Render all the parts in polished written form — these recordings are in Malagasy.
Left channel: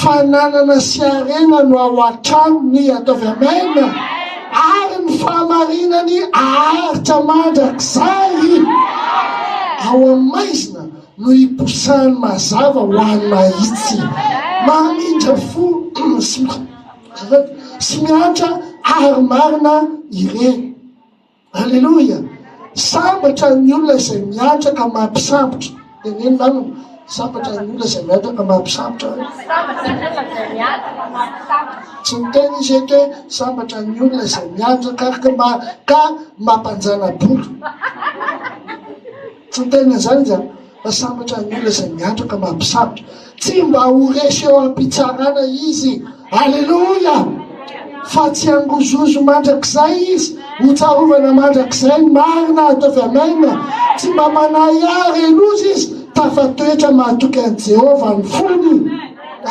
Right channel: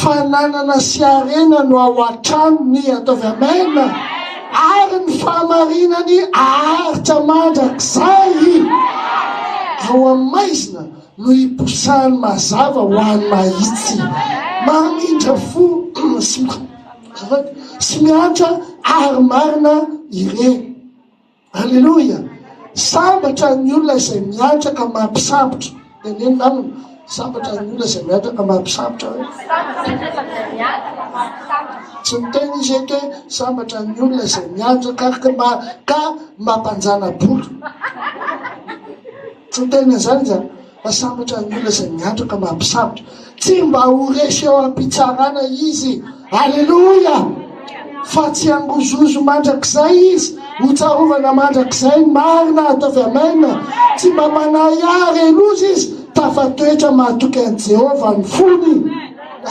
fananana sy arena no ao an-tranony ataovy amena, ary ny fahamarinany aharitra mandrakizay. Ao amin'ny maizina no iposahany mazava ho an'ny mahitsy, mamindra fo sy miantra ary marina ireny. Alleloia. Sambatra ny olona izay miantra ka mampisambotra. Teneny namana, sambatra ny olona izay miantra ka mampisambotra. Tsy miteny izy eto hoe sambatra ny olona izay miantra ka mampanjana bolo. Tsy miteny izany zany. Fa sambatra ny olona izay miantra ka mampisambotra. Tsy mba ho resy eo am-pitsarana izy. Alleloia. Fa tsy angozozo mandrakizay izy, ho tsarovana mandrakizay marina ataovy amena. Tsy mba manayary elozy izy, tafatoetra mahatoky an'i Jehovah ny fony.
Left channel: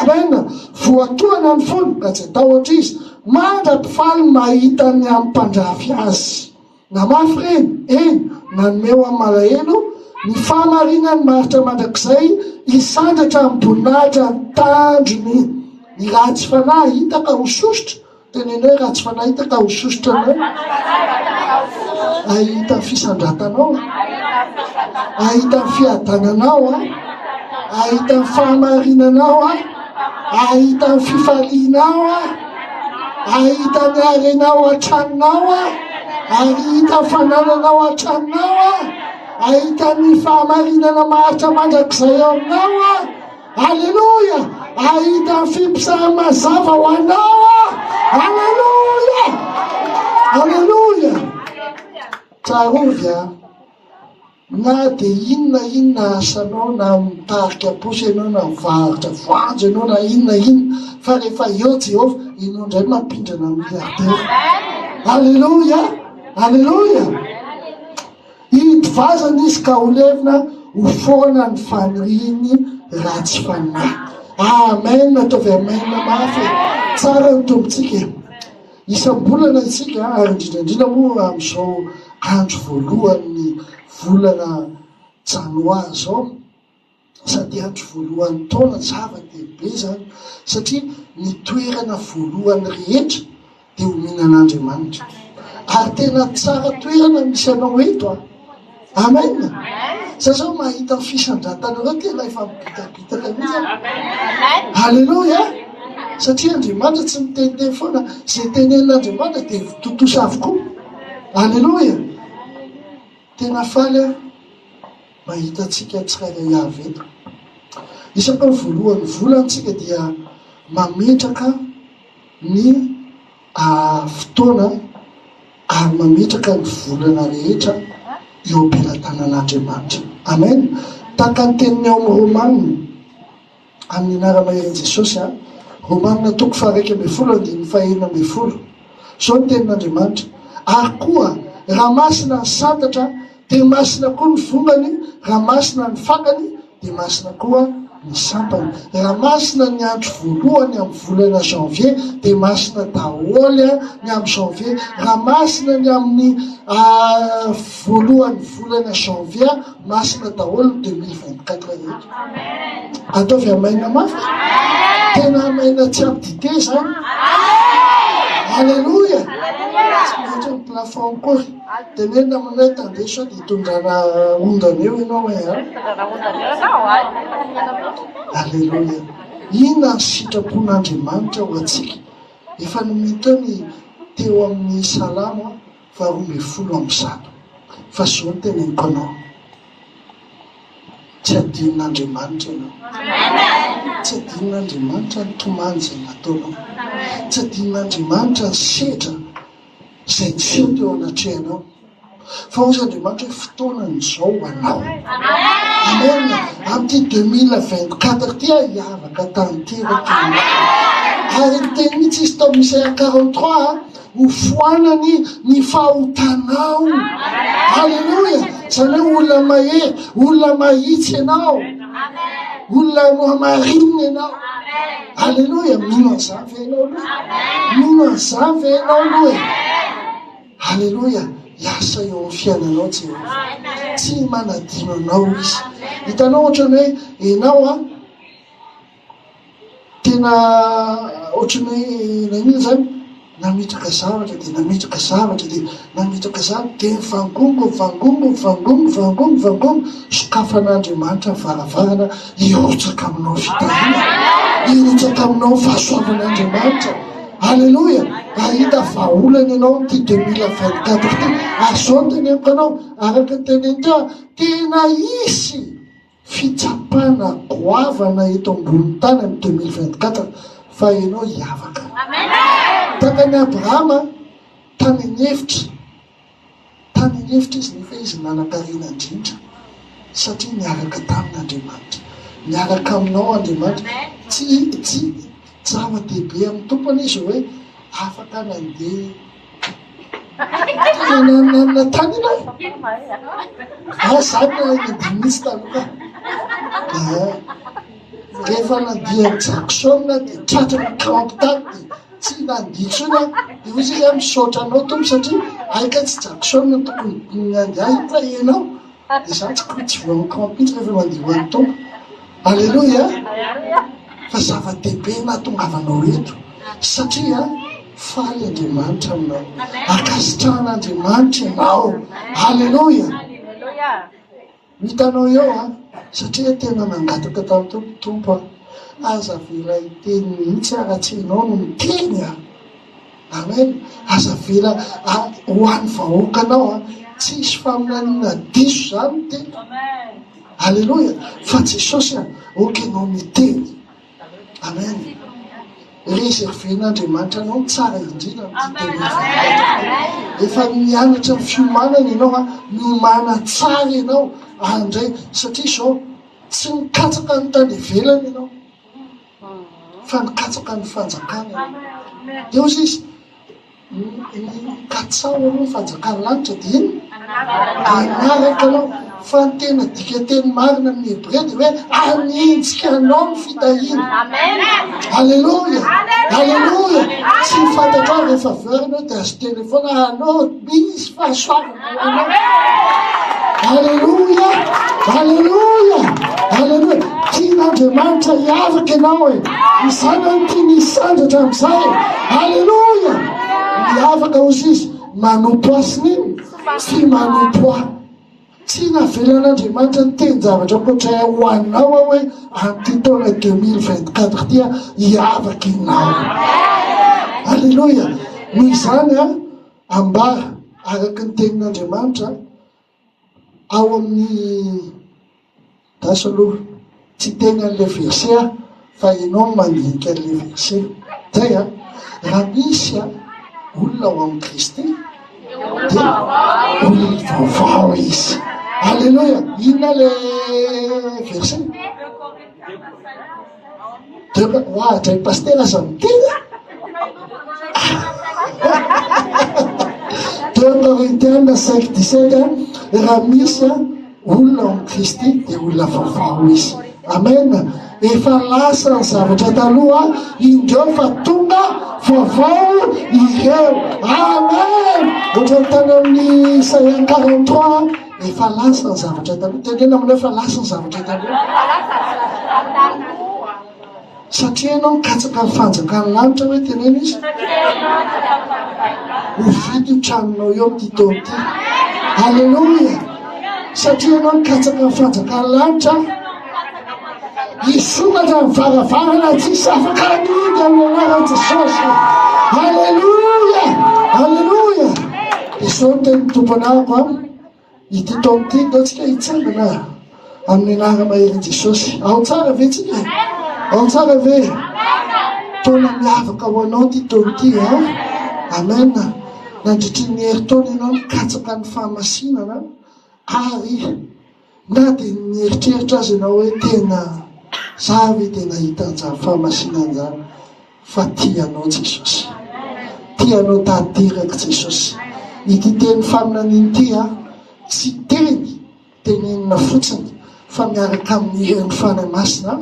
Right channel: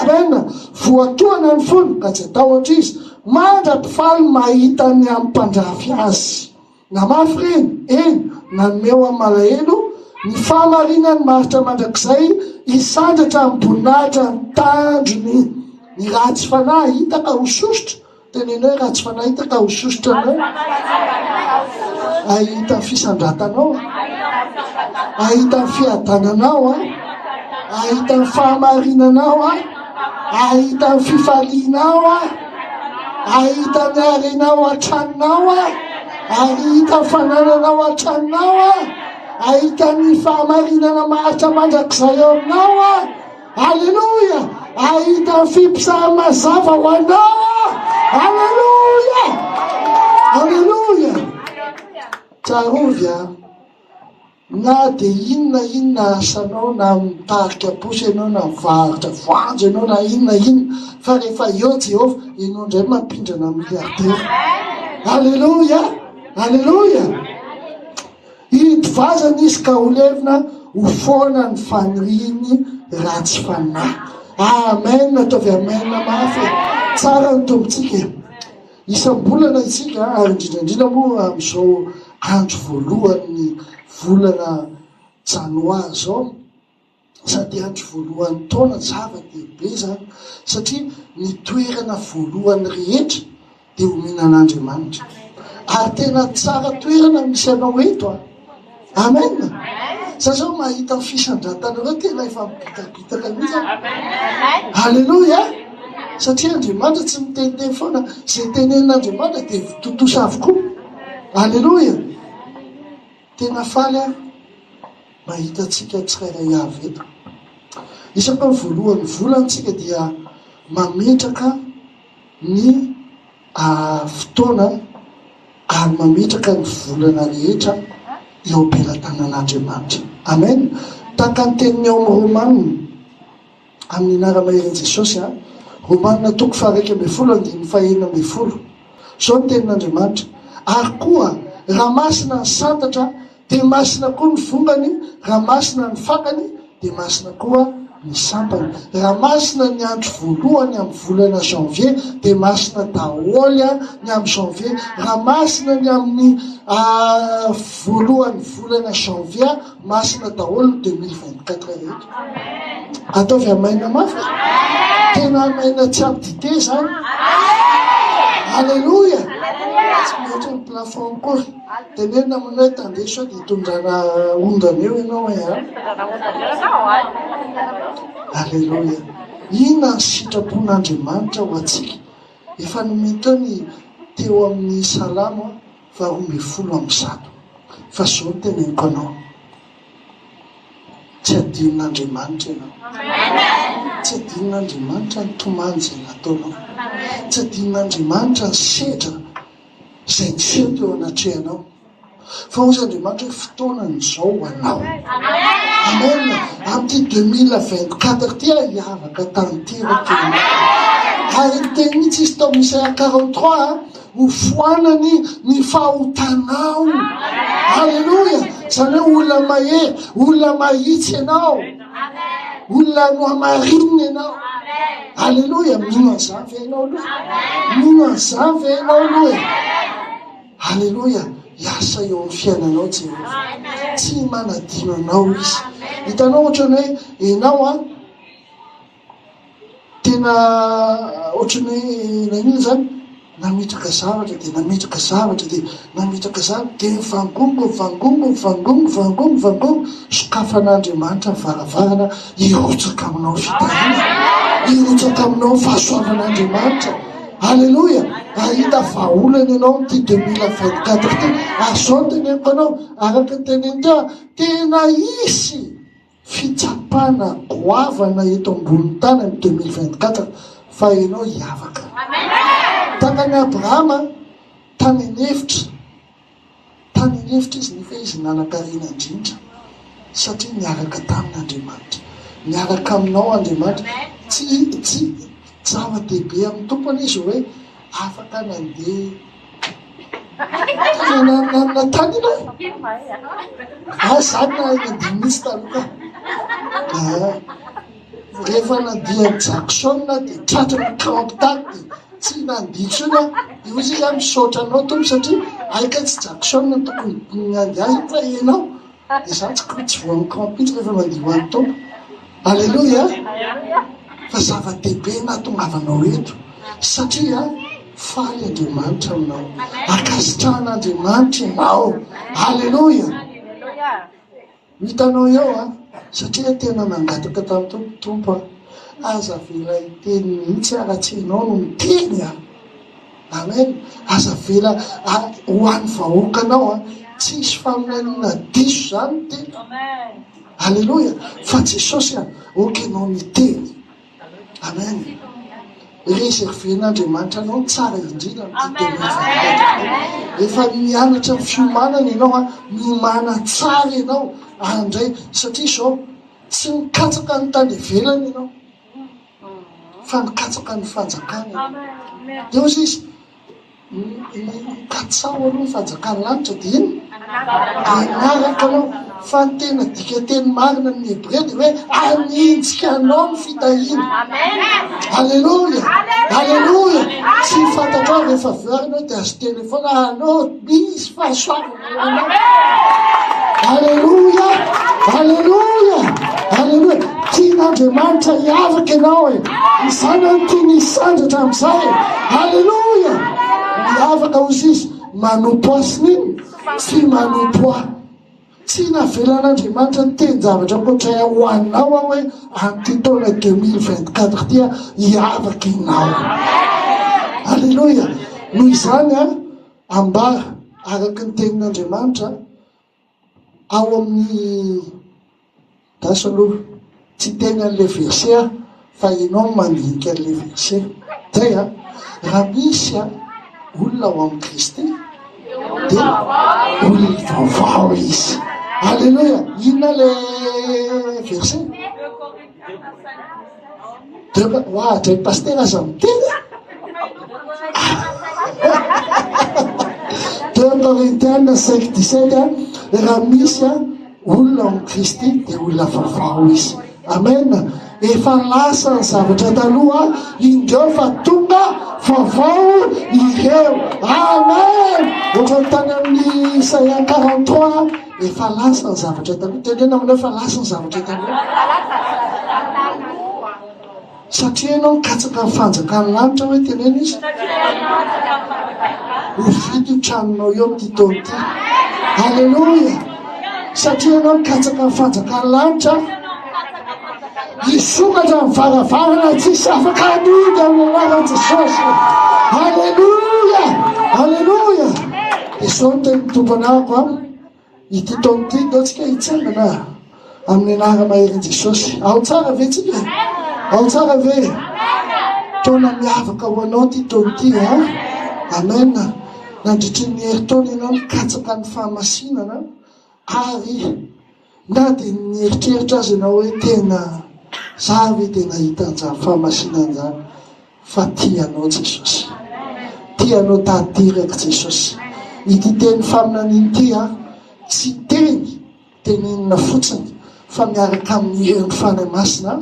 Amena. Voatoana ny fony ka tsy atahotra izy, mandra-pifaly mahita ny amin'ny mpandrafy azy. Namafy reny, nanome amin'ny malahelo ny fahamarinany maritra mandrakizay, isandratra amin'ny boninahitra ny tandrony. Ny ratsy fanahy hita ka ho sositra. Teneny hoe ratsy fanahy hita ka ho sositra anao, ahita ny fisandratanao, ahita ny fiadananao, ahita ny fahamarinanao, ahita ny fifalianao, ahita ny arenao an-tranonao, ahita ny fanananao an-tranonao, ahita ny fahamarinana maritra mandrakizay ao aminao. Alleluia. Ahita ny fipisahany mazava ho anao. Alleluia. Alleluia. Tsarovy na dia inona asanao, na mitarika posy ianao, na mivarotra voanjo ianao, na inona fa rehefa eo Jehovah, ianao indray mampindrana miliardera. Alleluia. Alleluia. Hitovazana izy ka ho levina ho foana ny faniriany ratsy fanahy. Amen. Ataovy amen mafy. Tsara ny tombontsika. Isam-bolana isika, ary indrindrandrindra moa amin'izao andro voalohan'ny volana janoary zao, sady andro voalohan'ny taona, zava-dehibe zany, satria ny toerana voalohany rehetra dia hominan'Andriamanitra. Ary tena tsara toerana misy anao eto. Amen. Za zao mahita ny fisandratanareo tena efa mibitabitaka mihitsy. Alleluia. Satria Andriamanitra tsy miteniteny foana, izay tenen'Andriamanitra dia totosa avokoa. Alleluia. Tena faly mahita antsika tsirairay avy eto. Isaka ny voalohany volantsika dia mametraka ny fotoana ary mametraka ny volana rehetra eo am-pelatanan'Andriamanitra. Amen. Tahaka ny teniny ao amin'ny Romanina, amin'ny anara-maherin' Jesosy, Romanina 12:1-20. Zao ny tenin'Andriamanitra. Ary koa raha masina ny santatra dia masina koa ny vongany, raha masina ny fakany dia masina koa ny sampany. Raha masina ny andro voalohany amin'ny volana janvier dia masina daholo ny amin'ny janvier. Raha masina ny amin'ny voalohany volana janvier, masina daholo 2024 eto. Ataovy amaina mafy. Tena amaina tsy ampidite zany. Alleluia. Tsy maintsy ny plafond kory. Tenena aminay tandeso dia hitondrana ondana eo ianao Alleluia. Inona ny sitrapon'Andriamanitra ho antsika? Efa nomento ny teo amin'ny Salamo 20:1. Fa zao ny teneniko anao. Tsy adinon'Andriamanitra ianao. Tsy adinon'Andriamanitra ny tomany izay nataonao. Tsy adinon'Andriamanitra ny sedra izay niseho teo anatrehanao. Fa ozy Andriamanitra hoe fotoanan'izao ho anao. Amen. Amin'ity 2024 ty hiavaka tanteraka. Ary ny teny mihitsy izy tao Isaia 43 ho foanany ny fahotanao. Alleluia. Zany hoe olona mahery, olona mahitsy ianao, olona no amarinina ianao. Alleluia. Mino an'izany ve ianao aloha? Mino an'izany ve ianao aloha? Alleluia. Iasa eo amin'ny fiainanao Jehovah. Tsy manadino anao izy. Hitanao ohatrany hoe ianao tena tena ohatrany nanino zany nametraka zavatra dia nametraka zavatra dia nametraka zavatra dia mivangongo sokafan'Andriamanitra nyvaravarana hirotsaka aminao fitahina, hirotsaka aminao fahasoavan'Andriamanitra. Alleloia. Ahita vaolana ianao ty 2024 ty. Azao teneniko anao araka ny tenenitra tena isy fitsapana goavana eto ambony tany amin'ny 2024 fa ianao hiavaka. Takany Abrahama tany an'hevitra izy nefa izy nanankarena indrindra satria miaraka tamin'Andriamanitra, miaraka aminao Andriamanitra. Tsy zava-dehibe amin'ny tompony izy hoe afaka nandeha na tany ianao zany nandiminisy taloha rehefa nandeha Jackson dia tratrana kampitany dia tsy nanditsona io izy misaotra anao tompo satria aika tsy Jackson tokony nandeha fa ianao dia zany tsy voan'ny kampitsy rehefa mandeha ho an'ny tompo. Alleluia. Fa zava-dehibe nahatongavanao eto satria faly Andriamanitra aminao, akasitrahan'Andriamanitra ianao. Alleluia. Hitanao eo satria tena nangataka tamin'ny tompo aza vela hiteny mihitsy raha tsy ianao no miteny amen. Aza vela ho an'ny vahoakanao tsisy faminaniana diso zany teny. Alleluia. Fa Jesosy okenao miteny. Amen. Reserven'Andriamanitra anao tsara indrindra efa mianatra ny fiomanana ianao miomana tsara ianao andray satria izao tsy mikatsaka ny tany ivelany ianao fa mikatsaka ny fanjakana. Eo izy katsao aloha ny fanjakany lanitra dia iny anaraka anao fa ny tena dika teny marina amin'ny Hébreu dia hoe anintsika anao ny fitahina. Alleluia. Alleluia. Tsy fantatra rehefa verina dia azo telefona anao misy fahasoavana. Alleluia. Alleluia. Alleluia. Tian'Andriamanitra hiavaka ianao izany ny tiany hisandratra amin'izay. Alleluia. Miavaka ozy izy manompo asiny iny tsy manompo tsy navelan'Andriamanitra ny teny zavatra koatra ho anao hoe an'ity taona 2024 tia hiavaka ianao. Alleluia. Noho izany ambara araka ny tenin'Andriamanitra ao amin'ny daso aloha tsy teny an'le verse fa ianao mandinika an'le verse zay raha misy olona ao amin'ny Kristy dia olona vaovao izy. Alleluia. Inona le verse? Dray paster aza miteny 2 Corinthiens 5:17 raha misy olona ao amin'ny Kristy dia olona vaovao izy. Amen. Efa lasa ny zavatra taloha indreo fa tonga vaovao ireo. Amen. Ohatra tany amin'ny Isaia 43 efa lasa ny zavatra taloha. Tenena aminao efa lasa ny zavatra taloha satria ianao mikatsaka ny fanjakany lanitra hoe tenena izy ovidy tranonao eo amin'ity taona ity. Alleluia. Satria ianao mikatsaka ny fanjakany lanitra hisokatra ny varavarana tsisy afaka anidy amin'ny anaran'i Jesosy. Alleluia. Alleluia. Izao no teny tompo anarako ity taona ity datsika hitsangana amin'ny anara-maherin' Jesosy. Ao tsara ve tsika? Ao tsara ve? Taona miavaka ho anao ty taona ity amen. Nandritry ny herintaona ianao mikatsaka ny fahamasinana ary na dia nieritreritra azy ianao hoe tena zavy tena hita an'izany fahamasinana zany fa tianao Jesosy, tianao tanteraka Jesosy. Ity teny faminaniny ity tsy tenenina fotsiny fa miaraka amin'ny herin'ny fanamasina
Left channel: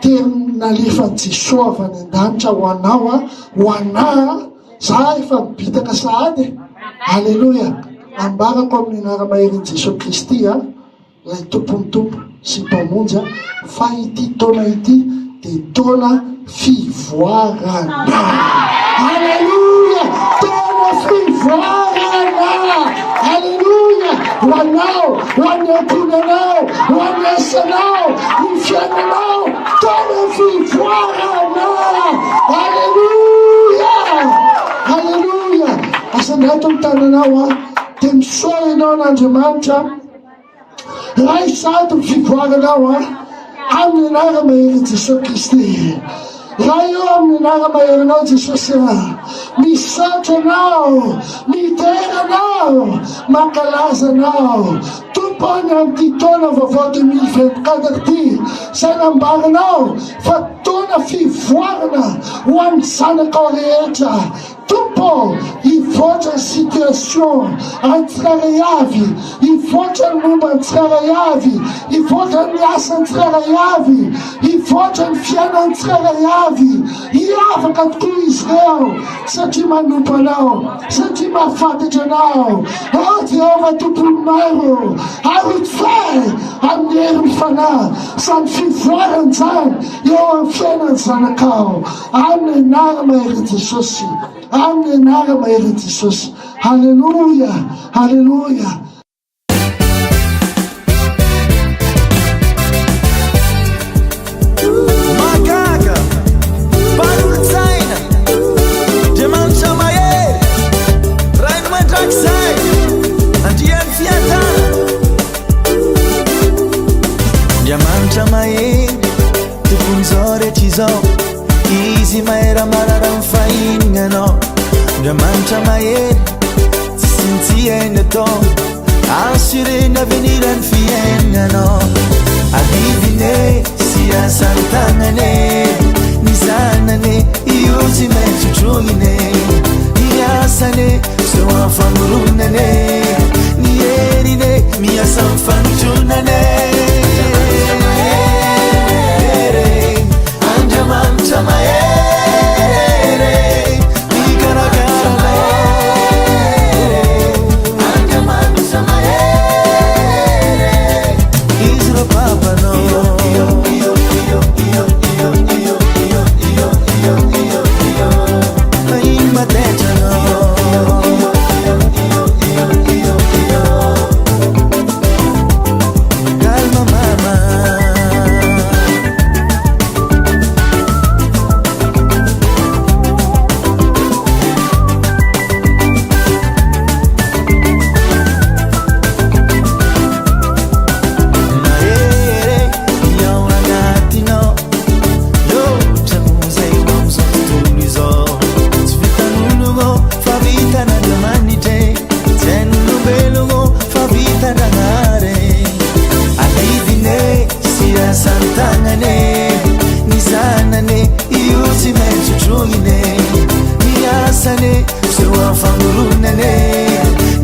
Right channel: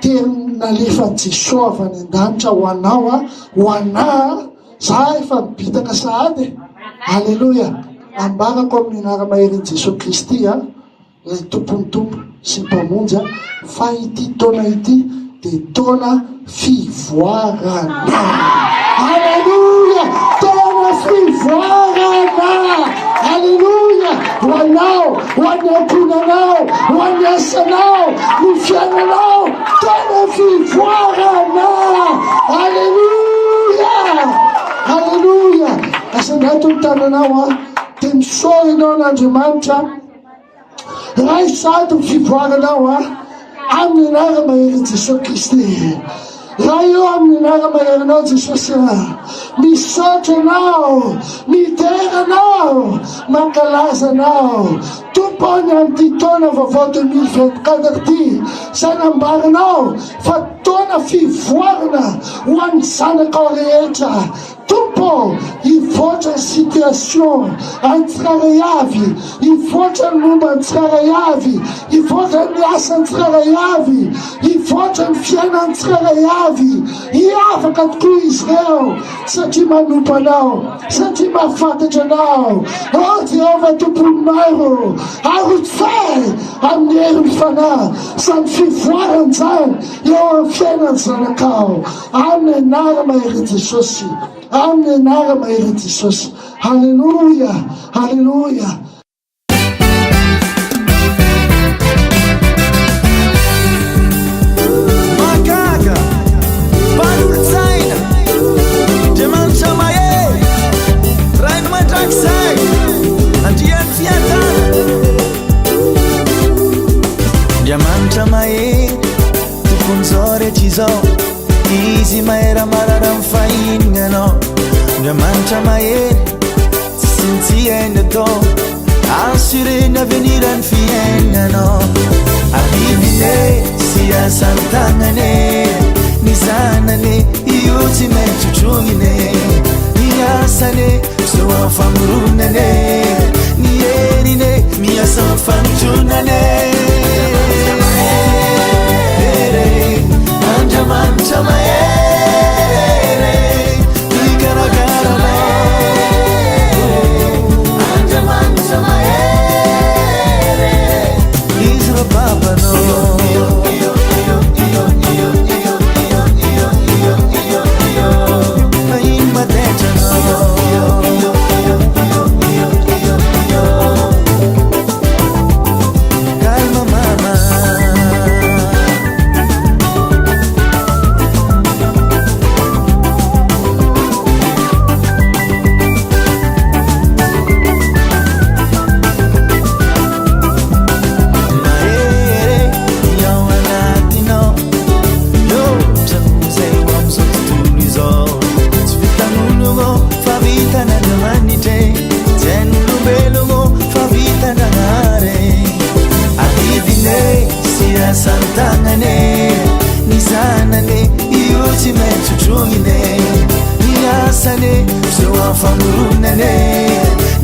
teny nalefan'i Jesosy avy any an-danitra ho anao ho anahy za efa mibitaka sahady. Alleluia. Ambarako amin'ny anara-maherin' Jesosy Kristy ilay tompony tompo sy mpamonjy fa ity taona ity dia taona fivoarana. Aleluia! Taona fivoarana. Aleluia! Ho anao, ho an'ny ankonanao, ho an'ny asanao, ny fiainanao, taona fivoarana. Aleluia! Aleluia! Asanao ny tananao dia misaotra ianao n'Andriamanitra. Ray sady ny fivoaranao amin'ny anara-mahery Jesosy Kristy. Raha eo amin'ny anara-maherinao Jesosy, misaotra anao, mideranao, mankalaza anao. Tompony amin'ity taona vaovao 2024 ity, sanambaranao fa taona fivoarana ho an'ny zanakao rehetra. Tompo, hivoatra ny situation an-tsiraray avy, hivoatra ny momba an-tsiraray avy, hivoatra ny asa an-tsiraray avy, hivoatra ny fiaina an-tsiraray avy. Hiavaka tokoa izy ireo satria manompo anao, satria mahafantatra anao. O Jehova tompony maro, arotsay amin'ny hery fanahy samy fivoarany zany eo amin'ny fiainany zanakao, amin'ny anara-mahery Jesosy. Amin'ny anara-mahery Jesosy. Haleluia, haleluia. Magaga, Fanolorana, Andriamanitra mahery, Rainy mandrakizay, andriany fiadana. Andriamanitra mahery, tompony zao rehetra izao, izy mahery marara amin'ny fahinanao. Andriamanitra mahery, tsy sintsy hainy atao, assureny avenirany fiainanao. Abidine sy asany tagnane, ny zanane io tsy maintsy trongine, ny asane zao amin'ny famoronane, ny herine miasa amin'ny fanotronane. Andriamanitra mahery, mikarakaranao. Andriamanitra mahery, izy ro papanao. Iny matetranao. Calma mama, santanane, ny zanane io tsy maintsy trongine, ny asane zao amin'ny famoronane,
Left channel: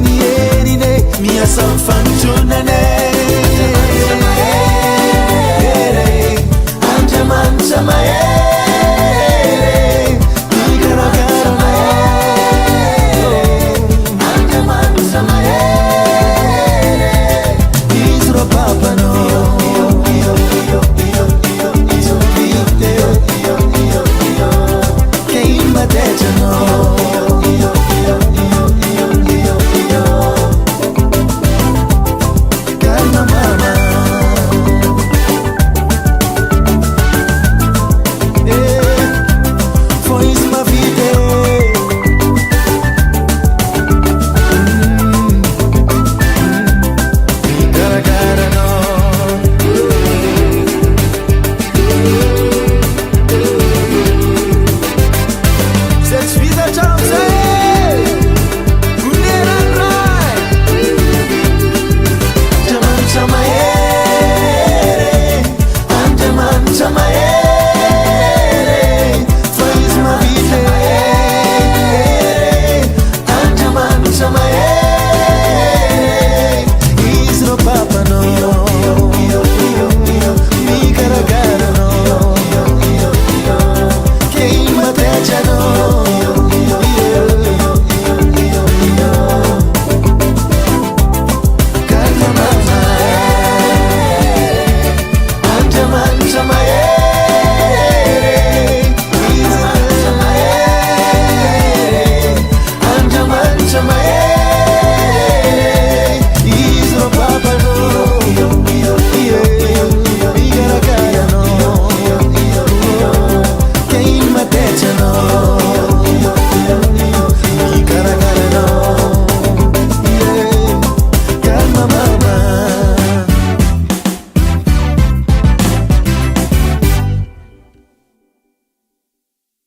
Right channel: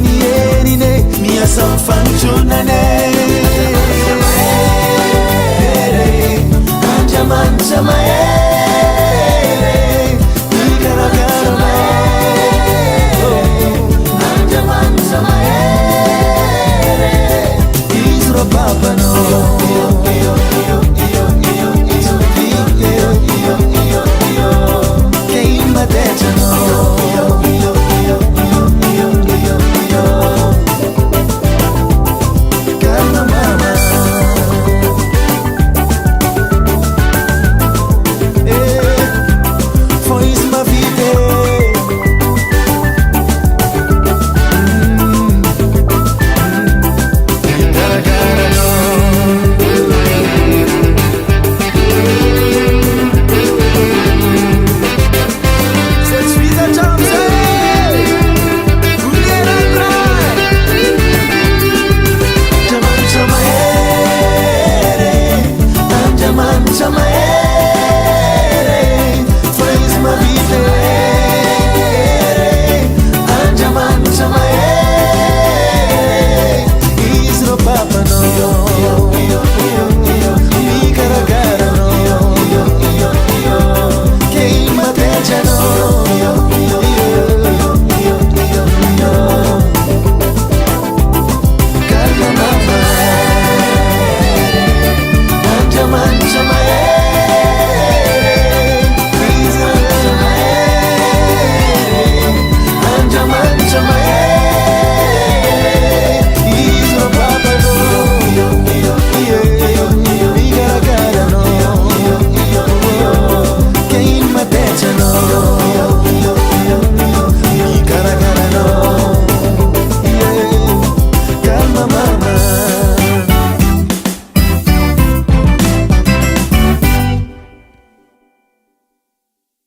ny herine miasa amin'ny fanotronane. Andriamanitra mahery, mikarakaranao. Andriamanitra mahery, izy ro papanao. Calma